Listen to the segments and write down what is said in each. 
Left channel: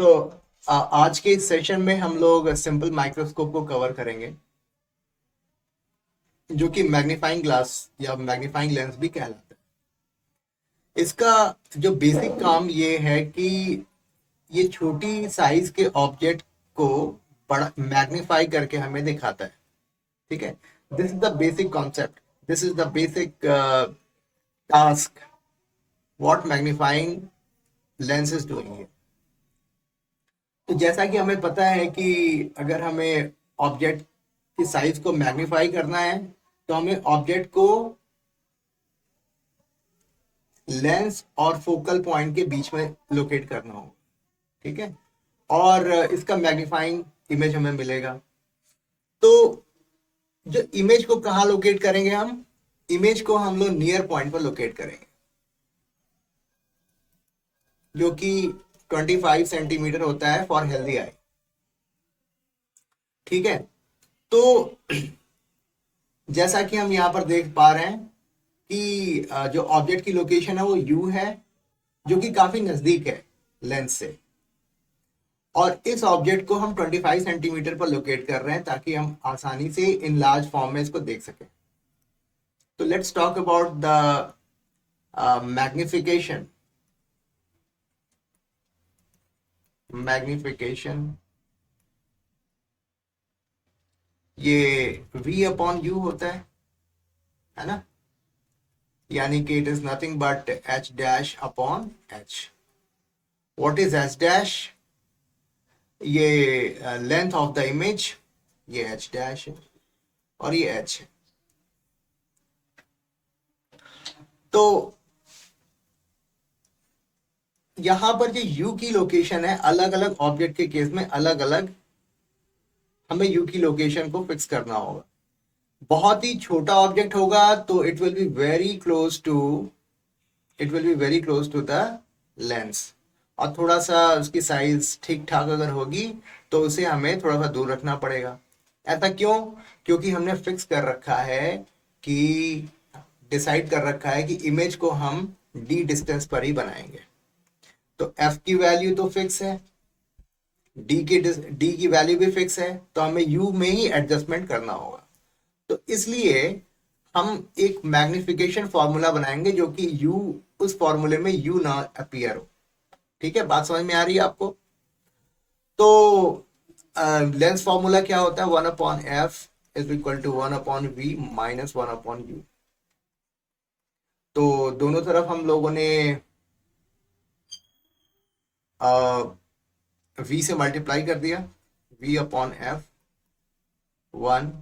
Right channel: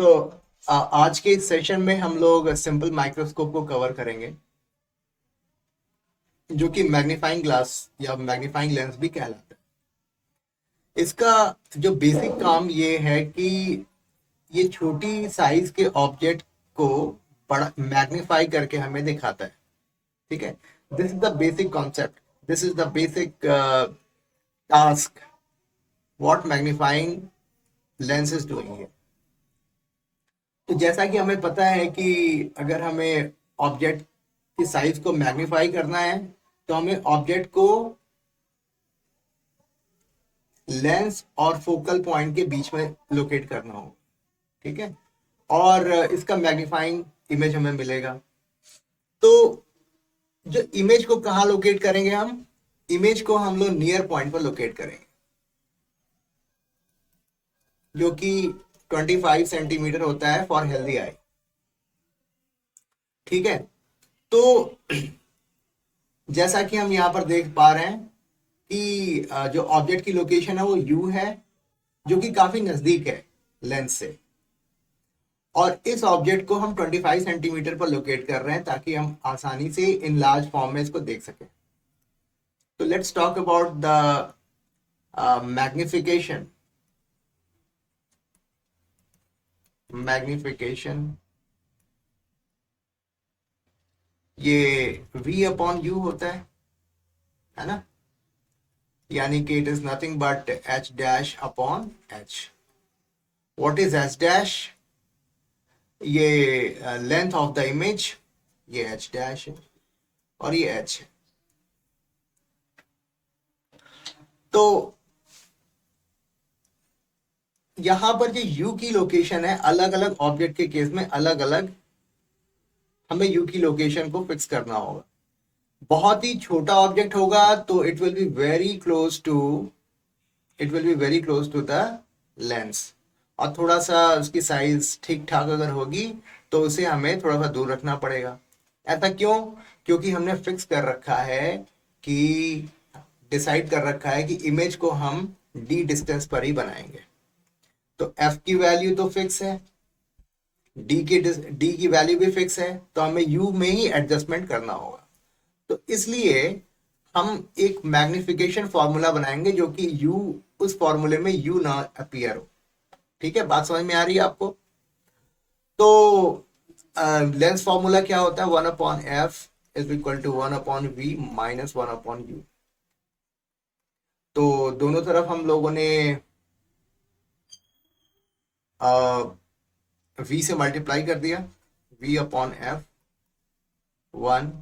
तो आज के इस सेशन में हम लोग सिंपल माइक्रोस्कोप को कवर करेंगे, जो कि मैग्नीफाइंग ग्लास या मैग्नीफाइंग लेंस भी कहलाता है। इसका जो बेसिक काम ये है कि ये छोटी साइज के ऑब्जेक्ट को बड़ा मैग्नीफाई करके हमें दिखाता है। ठीक है, this is the basic concept, this is the basic task what magnifying lens is doing. तो जैसा कि हमें पता है कि अगर हमें ऑब्जेक्ट की साइज को मैग्नीफाई करना है तो हमें ऑब्जेक्ट को लेंस और फोकल पॉइंट के बीच में लोकेट करना होगा। ठीक है, और इसका मैग्नीफाइंग इमेज हमें मिलेगा। तो जो इमेज को कहाँ लोकेट करेंगे, हम इमेज को हम लोग नियर पॉइंट पर लोकेट करेंगे, जो कि 25 सेंटीमीटर होता है फॉर हेल्दी आई। ठीक है, तो जैसा कि हम यहाँ पर देख पा रहे हैं कि जो ऑब्जेक्ट की लोकेशन है वो यू है, जो कि काफी नजदीक है लेंस से, और इस ऑब्जेक्ट को हम 25 सेंटीमीटर पर लोकेट कर रहे हैं ताकि हम आसानी से इन लार्ज फॉर्म में इसको देख सकें। तो let's talk about the magnification. Magnification ये v अपॉन u होता है ना, यानी कि it is nothing but h dash upon h। What is h dash? ये लेंथ ऑफ द इमेज, ये h डैश है और ये h है। तो यहां पर जो u की लोकेशन है, अलग अलग ऑब्जेक्ट के केस में अलग अलग हमें u की लोकेशन को फिक्स करना होगा। बहुत ही छोटा ऑब्जेक्ट होगा तो it will be very close to the lens, और थोड़ा सा उसकी साइज ठीक ठाक अगर होगी तो उसे हमें थोड़ा सा दूर रखना पड़ेगा। ऐसा क्यों? क्योंकि हमने फिक्स कर रखा है कि डिसाइड कर रखा है कि इमेज को हम डी डिस्टेंस पर ही बनाएंगे। तो एफ की वैल्यू तो फिक्स है, डी की वैल्यू भी फिक्स है, तो हमें यू में ही एडजस्टमेंट करना होगा। तो इसलिए हम एक मैग्निफिकेशन फॉर्मूला बनाएंगे जो कि यू, उस फॉर्मूले में यू ना अपीयर हो। ठीक है, बात समझ में आ रही है आपको? तो लेंस फॉर्मूला क्या होता है? 1/f is equal to 1/v minus 1/u। तो दोनों तरफ हम लोगों ने v से मल्टीप्लाई कर दिया, v/f 1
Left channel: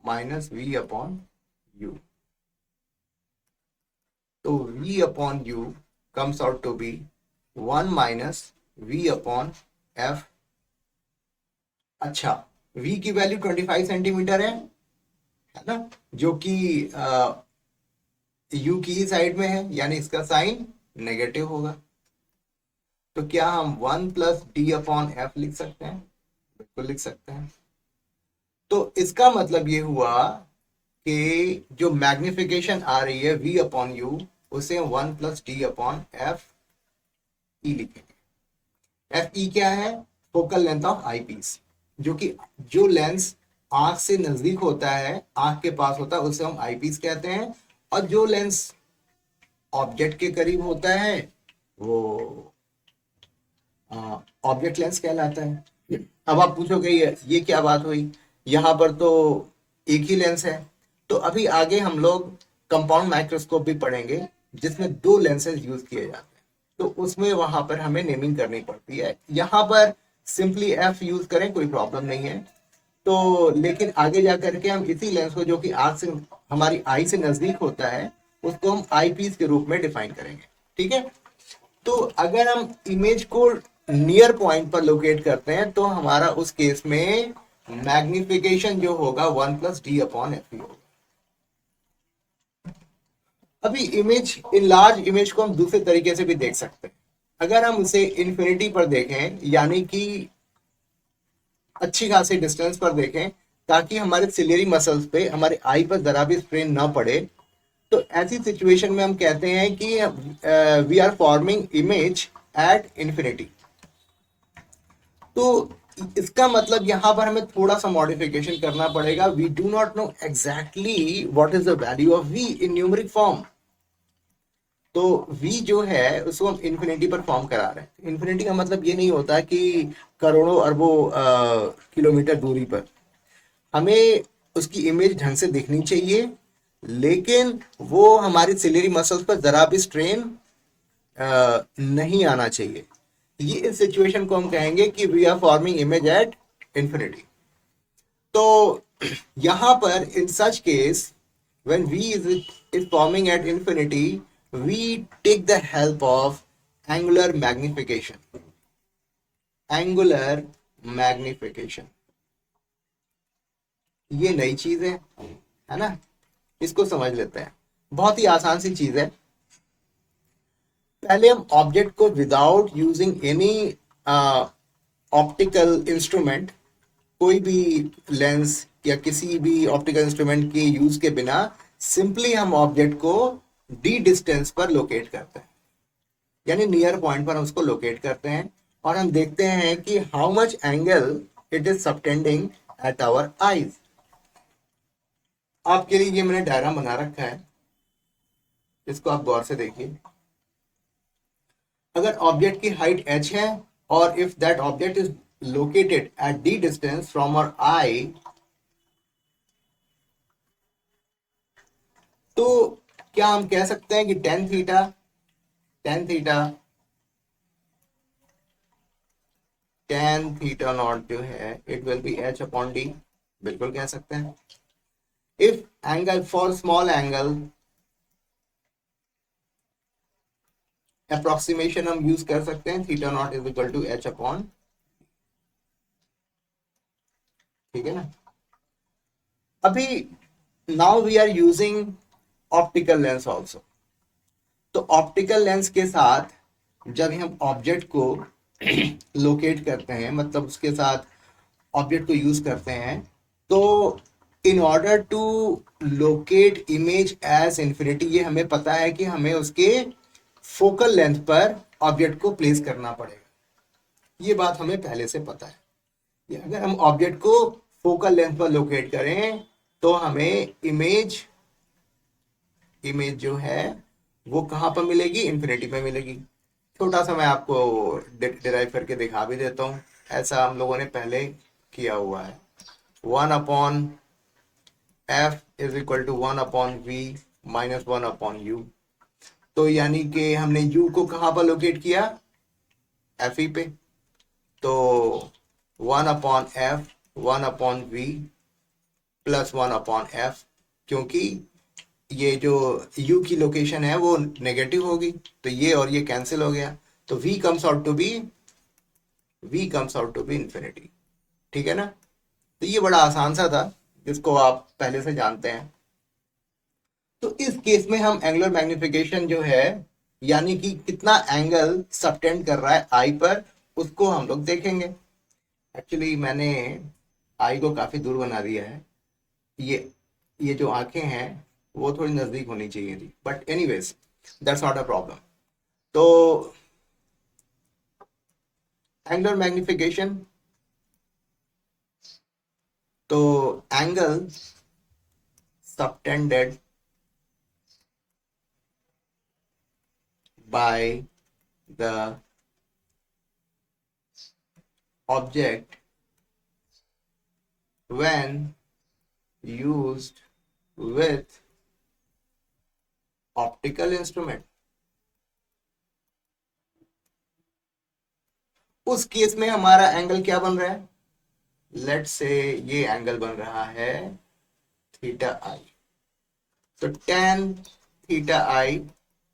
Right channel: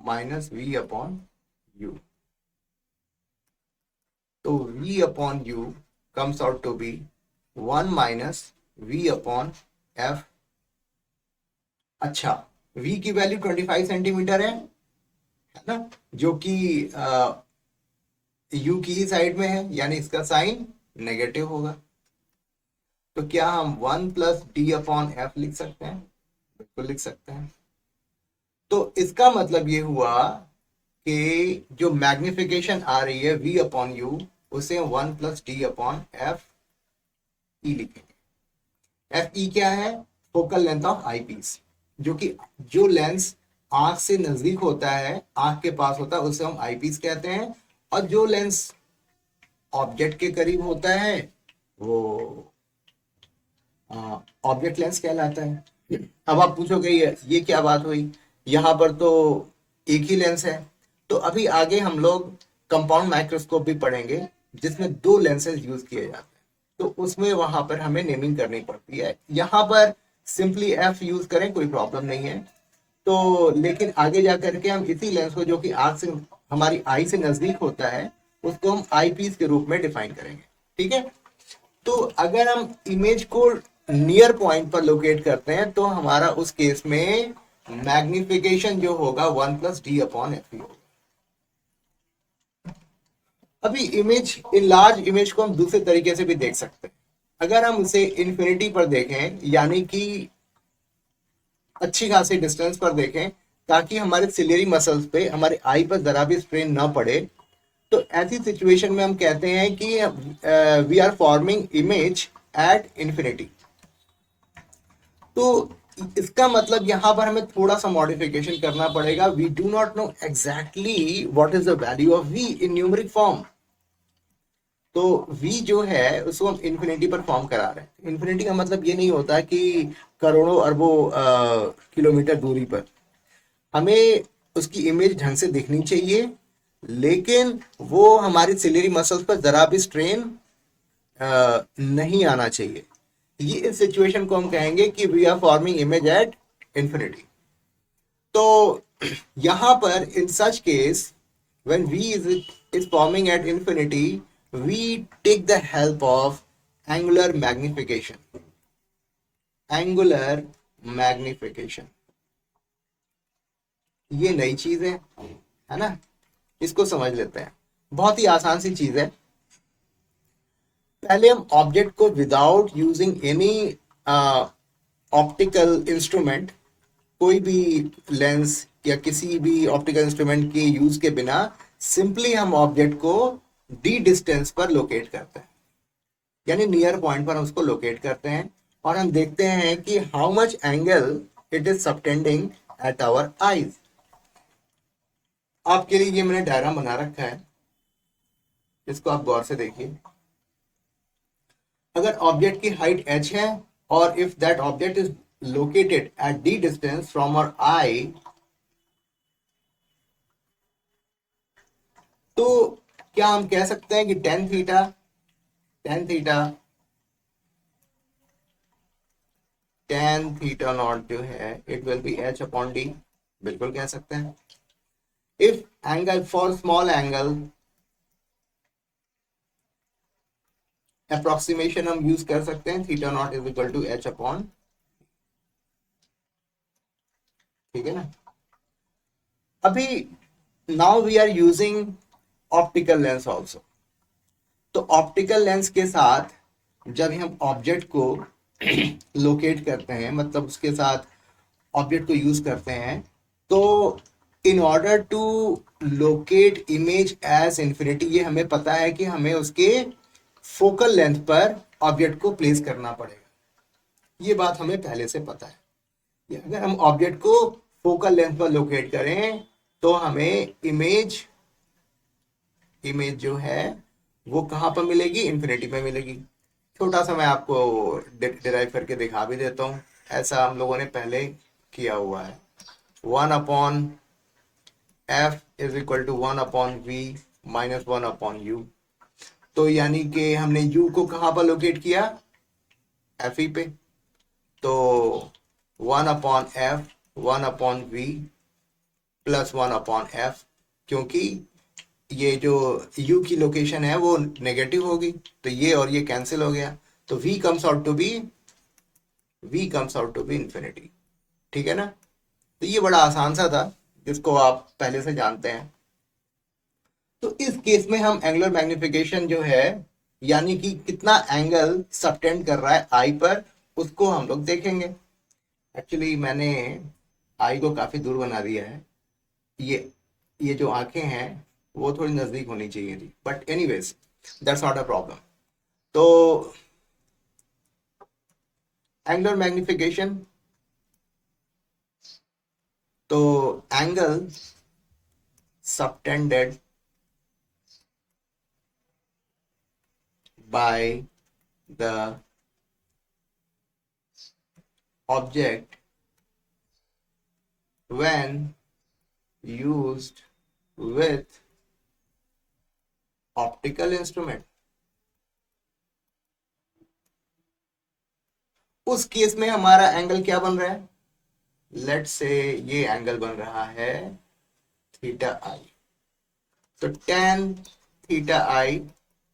माइनस v/u। तो v/u comes out to be 1 minus v/f। अच्छा, v की वैल्यू 25 सेंटीमीटर है ना, जो कि u की ही साइड में है, यानी इसका साइन नेगेटिव होगा। तो क्या हम 1 प्लस d/f लिख सकते हैं? बिल्कुल लिख सकते हैं। तो इसका मतलब ये हुआ कि जो मैग्निफिकेशन आ रही है v/u, उसे हम 1 प्लस d/f ई लिखेंगे। एफ ई क्या है? Focal length of eyepiece, जो कि जो लेंस आंख से नजदीक होता है, आंख के पास होता है, उसे हम आई पीस कहते हैं, और जो लेंस ऑब्जेक्ट के करीब होता है वो ऑब्जेक्ट लेंस कहलाता है। अब आप पूछोगे ये क्या बात हुई, यहाँ पर तो एक ही लेंस है। तो अभी आगे हम लोग कंपाउंड माइक्रोस्कोप भी पढ़ेंगे जिसमें दो लेंसेज यूज किए जाते हैं, तो उसमें वहां पर हमें नेमिंग करनी पड़ती है। यहाँ पर सिंपली एफ यूज करें, कोई प्रॉब्लम नहीं है। तो लेकिन आगे जा करके हम इसी लेंस को, जो कि आंख से, हमारी आई से नजदीक होता है, उसको हम आई पीस के रूप में डिफाइन करेंगे। ठीक है, तो अगर हम इमेज को नियर पॉइंट पर लोकेट करते हैं तो हमारा उस केस में मैग्निफिकेशन जो होगा 1 प्लस d/f होगा। अभी इमेज, इन लार्ज इमेज को हम दूसरे तरीके से भी देख सकते हैं। अगर हम उसे इन्फिनिटी पर देखें, यानी कि अच्छी खासी डिस्टेंस पर देखें, ताकि हमारे सिलियरी मसल्स पे, हमारे आई पर जरा भी स्ट्रेन ना पड़े, तो ऐसी सिचुएशन में हम कहते हैं कि we are forming image at infinity. तो इसका मतलब यहाँ पर हमें थोड़ा सा मॉडिफिकेशन करना पड़ेगा. We do not know exactly what is the value of v in numeric form. तो v जो है उसको हम इन्फिनिटी पर फॉर्म करा रहे हैं. इन्फिनिटी का मतलब ये नहीं होता कि करोड़ों अरबों किलोमीटर दूरी पर. हमें उसकी इमेज ढंग से दिखनी चाहिए, लेकिन वो हमारी सिलेरी मसल्स पर जरा भी स्ट्रेन नहीं आना चाहिए. ये इस सिचुएशन को हम कहेंगे कि we are forming image at infinity. तो यहां पर in such case when v is forming at infinity, we take the help of angular magnification. Angular magnification ये नई चीज है ना. इसको समझ लेते हैं. बहुत ही आसान सी चीज है. पहले हम ऑब्जेक्ट को without using any optical instrument, कोई भी लेंस या किसी भी ऑप्टिकल इंस्ट्रूमेंट के यूज के बिना सिंपली हम ऑब्जेक्ट को डी डिस्टेंस पर लोकेट करते हैं, यानी नियर पॉइंट पर हम उसको लोकेट करते हैं, और हम देखते हैं कि how much angle it is subtending at our eyes. आपके लिए ये मैंने डायग्राम बना रखा है, इसको आप गौर से देखिए. अगर ऑब्जेक्ट की हाइट h है और if that object is located at d distance from our eye, तो क्या हम कह सकते हैं कि टेन थीटा नॉट जो है it will be h upon d. बिल्कुल कह सकते हैं. If angle for small angle approximation हम यूज कर सकते हैं, theta naught is equal to h upon. ठीक है ना. अभी now we are using optical lens also. तो ऑप्टिकल लेंस के साथ जब हम ऑब्जेक्ट को लोकेट करते हैं, मतलब उसके साथ ऑब्जेक्ट को यूज करते हैं, तो in order to locate image as infinity, ये हमें पता है कि हमें उसके फोकल लेंथ पर ऑब्जेक्ट को प्लेस करना पड़ेगा. ये बात हमें पहले से पता है. अगर हम ऑब्जेक्ट को फोकल लेंथ पर लोकेट करें तो हमें इमेज जो है वो कहाँ पर मिलेगी, इंफिनिटी पे मिलेगी. छोटा सा मैं आपको डिराइव करके दिखा भी देता हूँ. ऐसा हम लोगों ने पहले किया हुआ है. 1/f is equal to 1/v minus 1/u. तो यानी कि हमने u को कहाँ पर लोकेट किया, fe पे. तो 1/f 1/v प्लस 1/f, क्योंकि ये जो u की लोकेशन है वो नेगेटिव होगी, तो ये और ये कैंसिल हो गया. तो v comes out to be infinity. ठीक है ना. तो ये बड़ा आसान सा था, जिसको आप पहले से जानते हैं. तो इस केस में हम एंगुलर मैग्निफिकेशन जो है, यानी कि कितना एंगल सबटेंड कर रहा है आई पर, उसको हम लोग देखेंगे. एक्चुअली मैंने आई को काफी दूर बना दिया है. ये जो आंखें हैं वो थोड़ी नजदीक होनी चाहिए थी, but anyways that's not a problem. तो एंगुलर मैग्निफिकेशन, तो angle subtended by the object when used with optical instrument. उस केस में हमारा एंगल क्या बन रहा है, लेट्स से ये एंगल बन रहा है थीटा आई. तो tan theta I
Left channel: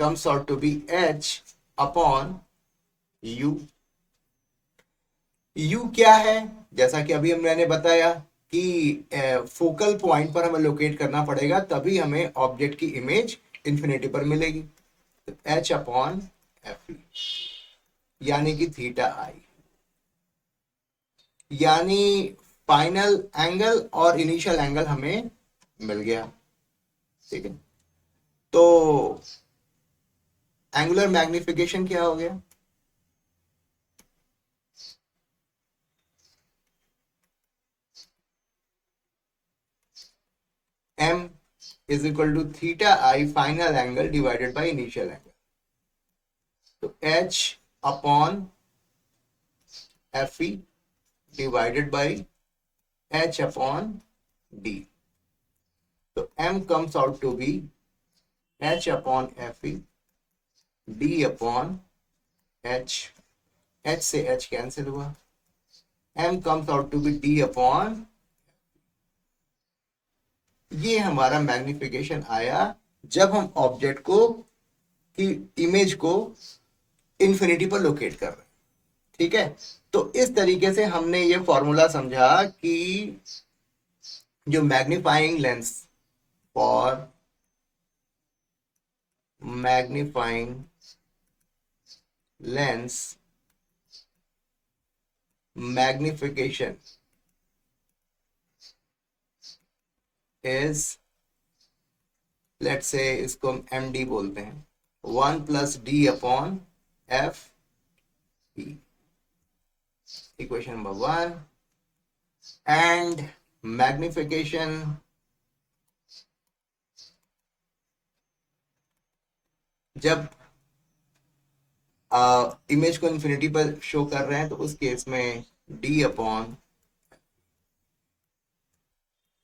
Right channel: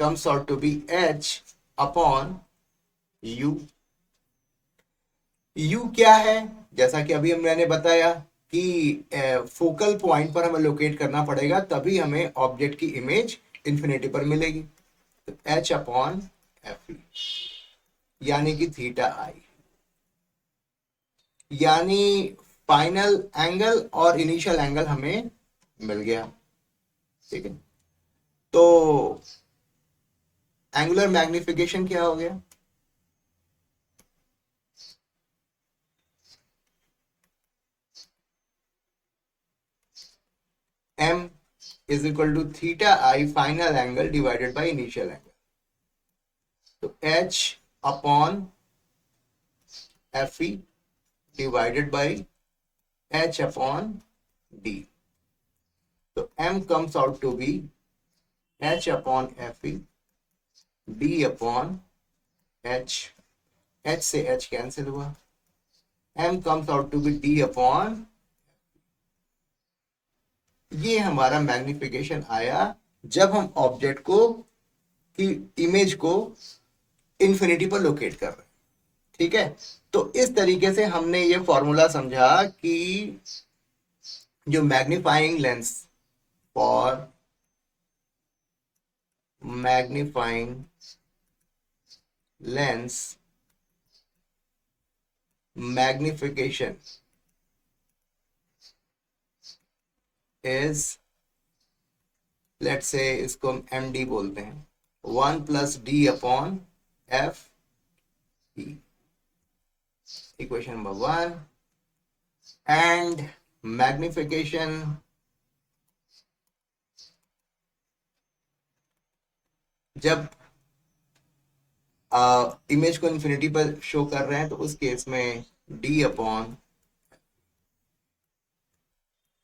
comes out to be h upon u. u क्या है, जैसा कि अभी मैंने बताया कि फोकल पॉइंट पर हमें लोकेट करना पड़ेगा, तभी हमें ऑब्जेक्ट की इमेज इंफिनिटी पर मिलेगी. h अपॉन एफ, यानी कि थीटा आई, यानी फाइनल एंगल और इनिशियल एंगल हमें मिल गया. ठीक है. तो एंगुलर मैग्निफिकेशन क्या हो गया, m is equal to theta I final angle divided by initial angle. तो h upon F E divided by h upon d। तो m comes out to be h upon F E d upon h। h से h cancel हुआ, m comes out to be d upon, ये हमारा magnification आया जब हम object को की इमेज को इंफिनिटी पर लोकेट कर रहे हैं। ठीक है, तो इस तरीके से हमने ये फॉर्मूला समझा कि जो मैग्नीफाइंग लेंस और magnifying lens magnification is, let's say इसको हम एम डी बोलते हैं, 1 plus D upon F E, equation number 1। And magnification जब इमेज को इन्फिनिटी पर शो कर रहे हैं तो उस केस में d अपॉन,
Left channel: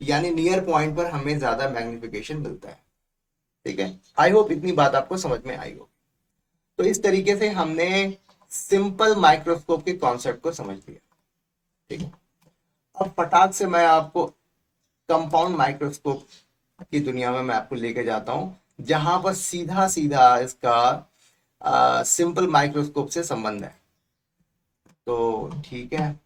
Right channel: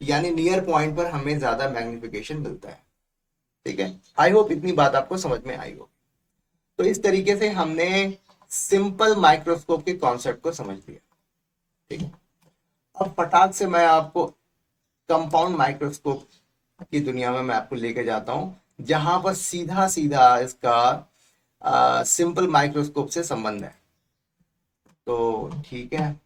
यानी नियर पॉइंट पर हमें ज्यादा मैग्निफिकेशन मिलता है। ठीक है, आई होप इतनी बात आपको समझ में आई हो। तो इस तरीके से हमने सिंपल माइक्रोस्कोप के कॉन्सेप्ट को समझ लिया। ठीक है, अब फटाक से मैं आपको कंपाउंड माइक्रोस्कोप की दुनिया में मैं आपको लेके जाता हूं, जहां पर सीधा सीधा इसका सिंपल माइक्रोस्कोप से संबंध है। तो ठीक है,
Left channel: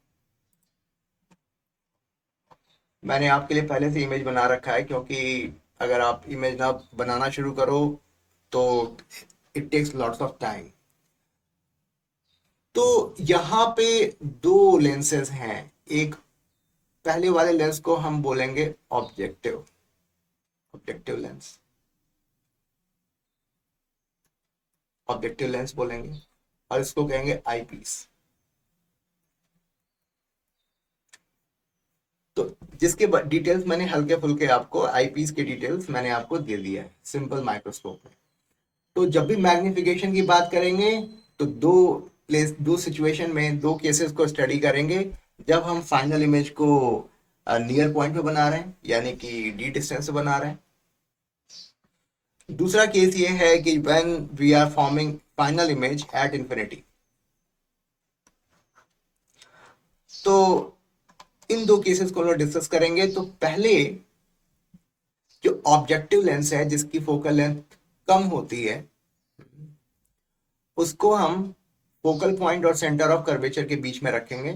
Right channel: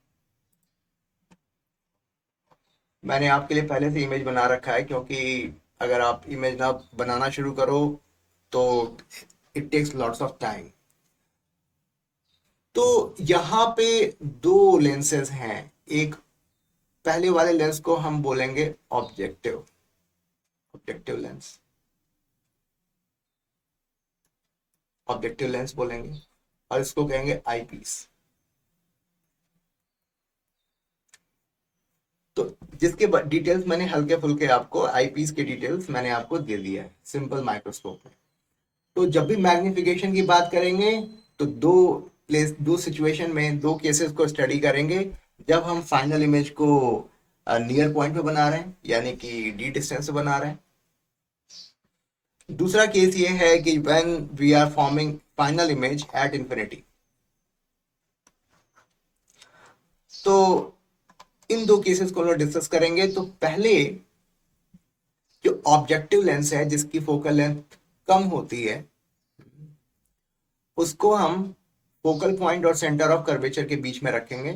मैंने आपके लिए पहले से इमेज बना रखा है, क्योंकि अगर आप इमेज ना बनाना शुरू करो तो it takes lots of time. तो यहाँ पे दो लेंसेज हैं, एक पहले वाले लेंस को हम बोलेंगे objective, objective lens, objective lens बोलेंगे, और इसको कहेंगे आईपीस। तो जिसके डिटेल्स मैंने हल्के फुल्के आपको, आईपीस की डिटेल्स मैंने आपको दे दिया है सिंपल माइक्रोस्कोप में। तो जब भी मैग्निफिकेशन की बात करेंगे तो दो सिचुएशन में, दो केसेस को स्टडी करेंगे। जब हम फाइनल इमेज को नियर पॉइंट पे बना रहे हैं, यानी कि डी डिस्टेंस से बना रहे हैं। दूसरा केस ये है कि when we are forming final image at infinity. तो इन दो केसेस को हम डिस्कस करेंगे। तो पहले जो ऑब्जेक्टिव लेंस है, जिसकी फोकल लेंथ कम होती है, उसको हम फोकल पॉइंट और सेंटर ऑफ कर्वेचर के बीच में रखेंगे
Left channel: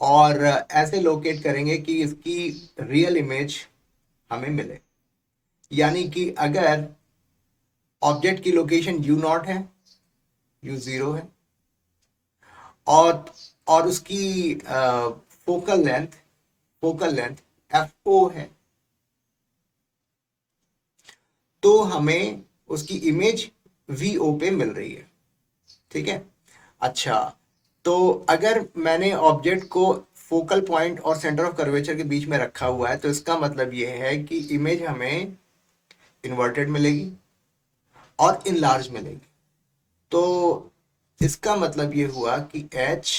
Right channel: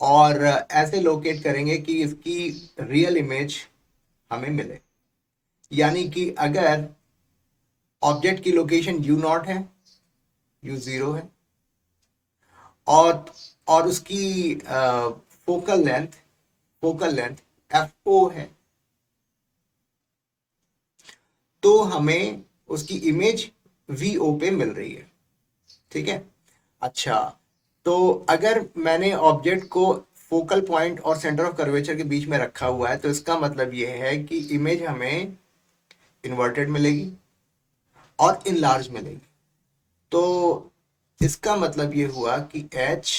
और ऐसे लोकेट करेंगे कि इसकी रियल इमेज हमें मिले। यानी कि अगर ऑब्जेक्ट की लोकेशन u0 है, u0 है, और उसकी फोकल लेंथ fo है, तो हमें उसकी इमेज vo पे मिल रही है। ठीक है, अच्छा, तो अगर मैंने ऑब्जेक्ट को फोकल पॉइंट और सेंटर ऑफ कर्वेचर के बीच में रखा हुआ है, तो इसका मतलब ये है कि इमेज हमें इन्वर्टेड मिलेगी और इनलार्ज मिलेगी। तो इसका मतलब ये हुआ कि h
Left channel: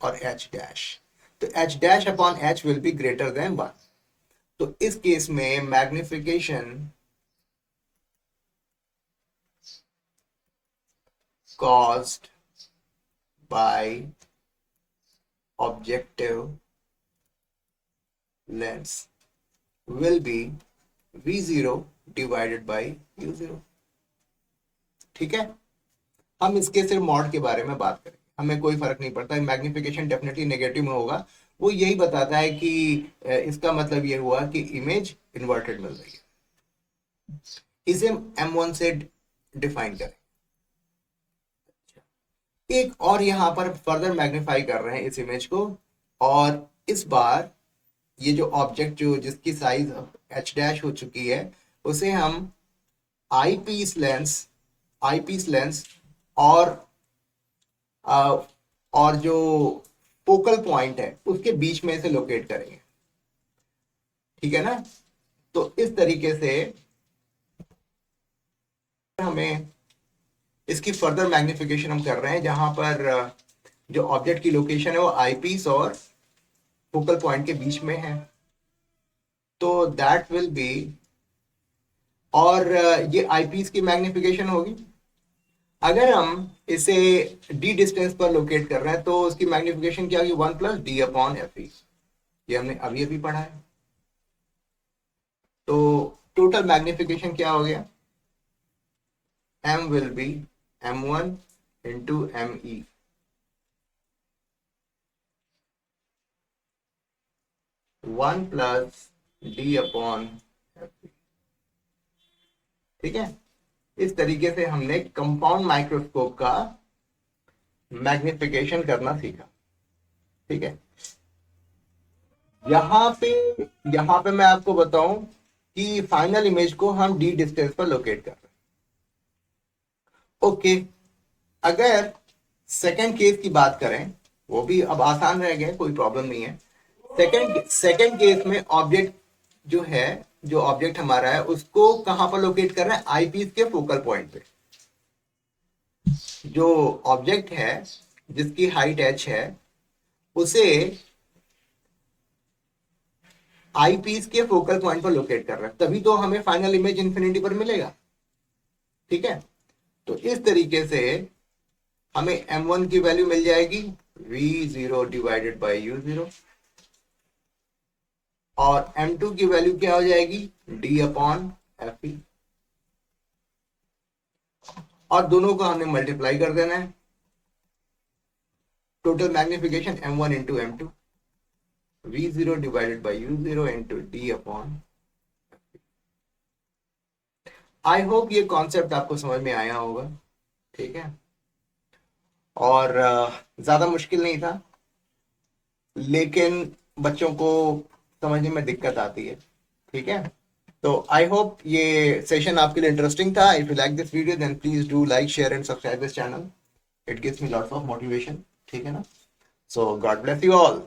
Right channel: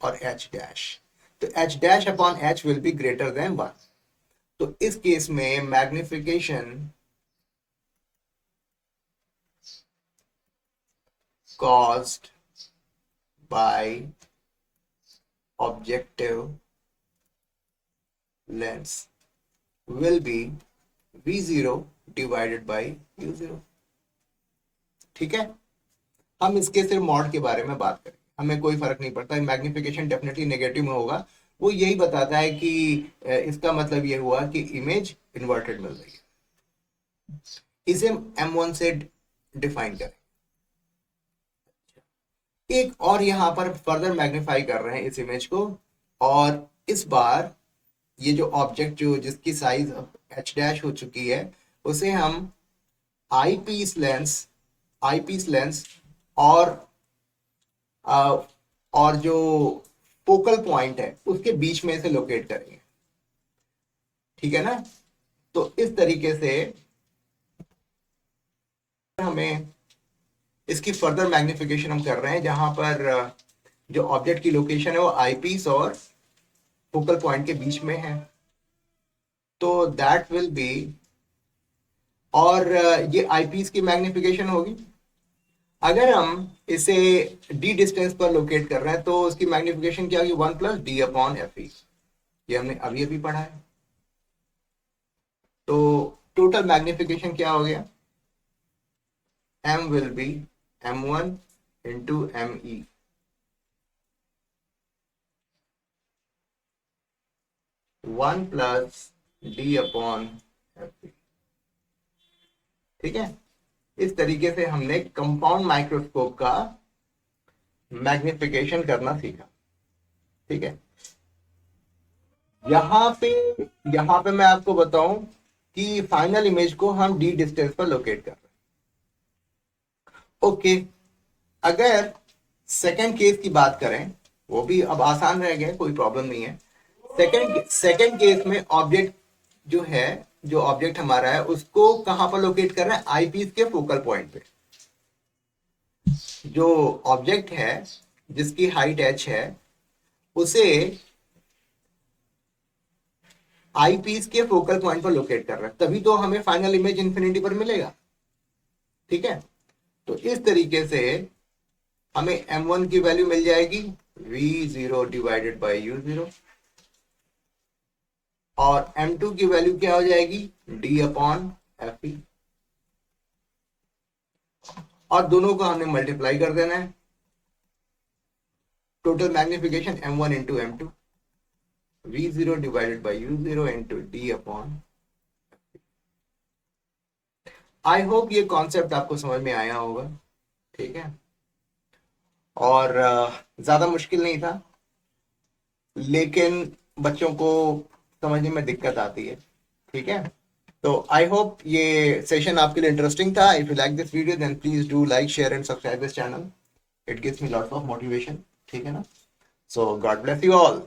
और h डैश, तो h dash upon h will be greater than 1। तो इस केस में magnification caused by objective lens will be v0 divided by u0। ठीक है, हम इसके सिर्फ मॉड के बारे में बात करें, हमें कोई फर्क नहीं पड़ता, मैग्निफिकेशन डेफिनेटली नेगेटिव में होगा। वो यही बताता है कि इसका मतलब ये हुआ कि इमेज इन्वर्टेड मिल रही है। इसे m1 से डिफाइन करें। एक और यहां पर फर्दर मैग्नीफाई कर रहे हैं इस इमेज को, और इस बार ये जो ऑब्जेक्ट जो जिसकी साइज h डैश हो चुकी है, उसे हम आईपीस लेंस और जो फोकल पॉइंट है उसके बीच में इसे लोकेट करेंगे। ठीक है ना, तो इस तरीके से हमें इसकी फर्दर मैग्निफिकेशन हम कर रहे हैं, जहां पर जो ऑब्जेक्ट की लोकेशन है वो आईपीस और फोकल पॉइंट के बीच में है। तो दैट विल बी, और ये आईपीस की मैग्निफिकेशन होगी। अगर हम इसे डी डिस्टेंस पर लोकेट कर रहे हैं तो उसकी मैग्निफिकेशन क्या होगी, 1 प्लस डी अपॉन एफ ई। ये हमने अभी अभी पढ़ा है। तो टोटल मैग्निफिकेशन क्या हो गया, m will be m1 into me, 1 plus D upon F. ठीक है, इस तरीके से हमने कंपाउंड माइक्रोस्कोप का मैग्निफिकेशन करना सीखा। ठीक है, यहाँ पे मैं आपको बताऊं कि फाइनल इमेज को हम डी डिस्टेंस पर लोकेट कर रहे हैं। ओके, अगर सेकंड केस की बात करें, वो भी अब आसान रह गया, कोई प्रॉब्लम नहीं है। सेकंड केस में ऑब्जेक्ट जो है, जो ऑब्जेक्ट हमारा है उसको कहां पर लोकेट कर रहे हैं, आईपीस के फोकल पॉइंट पे। जो ऑब्जेक्ट है जिसकी हाइट h है उसे आईपीस के फोकल पॉइंट पर लोकेट कर रहे हैं, तभी तो हमें फाइनल इमेज इंफिनिटी पर मिलेगा। ठीक है, तो इस तरीके से हमें m1 की वैल्यू मिल जाएगी v0 डिवाइडेड बाई u0, और m2 की वैल्यू क्या हो जाएगी, d अपॉन एफ ई, और दोनों का हमने मल्टीप्लाई कर देना है। Total magnification m1 into m2, v0 divided by u0 into d upon. I hope ये कॉन्सेप्ट आपको समझ में आया होगा। ठीक है, और ज्यादा मुश्किल नहीं था, लेकिन बच्चों को समझने में दिक्कत आती है। ठीक है, तो आई होप ये सेशन आपके लिए इंटरेस्टिंग था। If you like this video then please do like, share and subscribe this channel, it gives me lots of motivation. ठीक है ना, so God bless you all.